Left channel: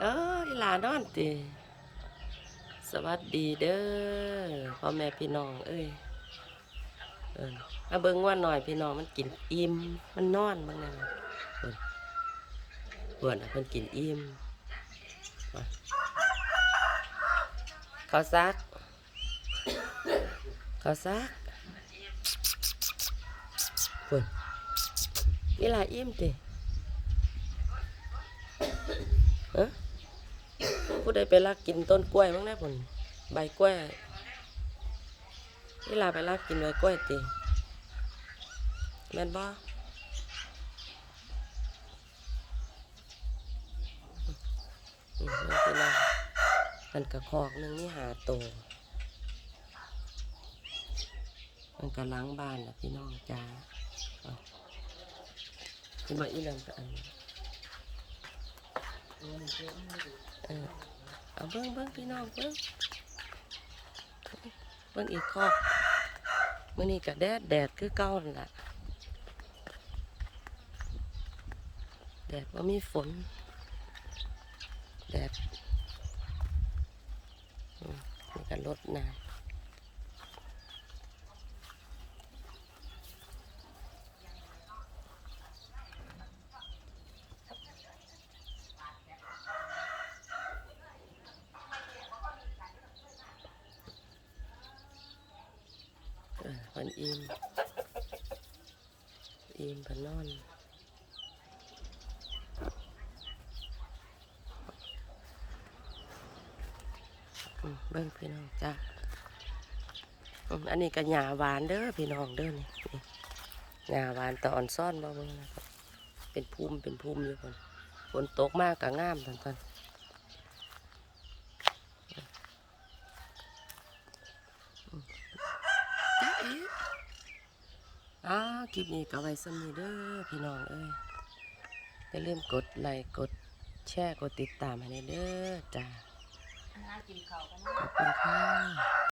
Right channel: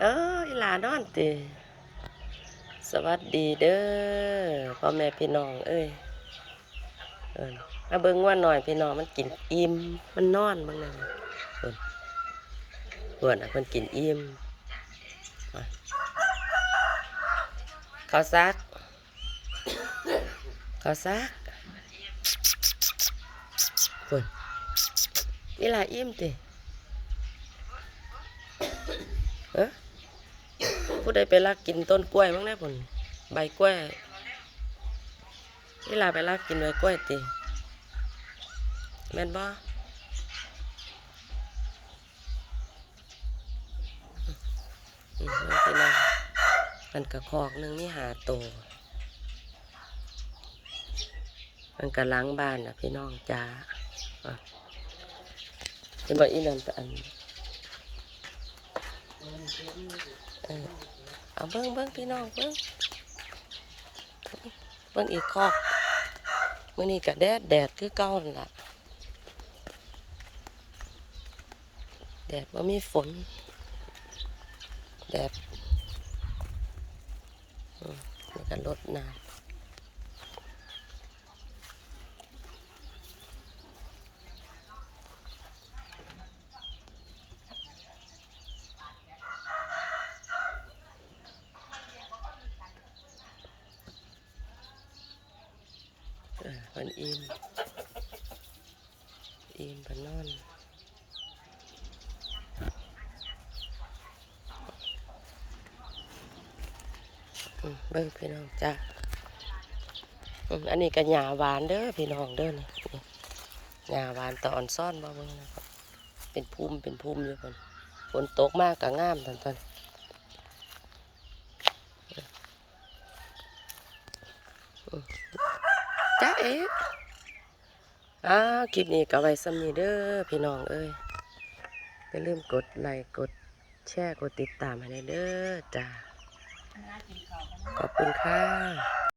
เอออีหลานอนติสวัสดีเด้อพ่อแม่พี่น้อง เอ้ยเอิ้นมาเบิ่งว่าหน่อยพี่น้องมันกินอิ่มมันนอนเบิ่งนั่นเพิ่นเพิ่นน่ะเพิ่นกินอิ่มมาข้าซักเขาซักเพิ่นอีหลาอิ่มติเออ ผู้ใดไปลักกินต้นกล้วยมั้งนะผลใบกล้วยนี่ลาไปลักกินใบกล้วยติแม่นบ่พี่น้องมันกระคอกหนึงนี่หาโต มันกระล้างบ้านนะพี่น้องจ้าเป็นบ่อีนั่นไปอัน เออเอาเบิ้งเบิ้งพี่น้องเบิ้งเบิ้งอีกคอกมื่อนี้ก็แดดแดดคือเก่านั่นละแดดว่ามีฝน แดดมันก็ลดน้ำ อมันอิ่มอิ่มพนอนอืมเบิ่งพี่น้องจ้าอันนี้ก็หญ้าหวานเด้อพี่น้องเด้อนี่หญ้าหวานแต่อ่อนซ่อนบ่เบิ่งนะครับเป็นภูมิเป็นภูมิอยู่คนฝนตกมากก็งามตอนตอนอืม จ้าเอ๊ะอ้าวคลิปนี้ก็ไว้สำนีเด้อพี่น้องเอ้ยอย่าลืมกดไลค์กดแชร์กดติดตามให้เด้อจ้าขอบคุณค่ะ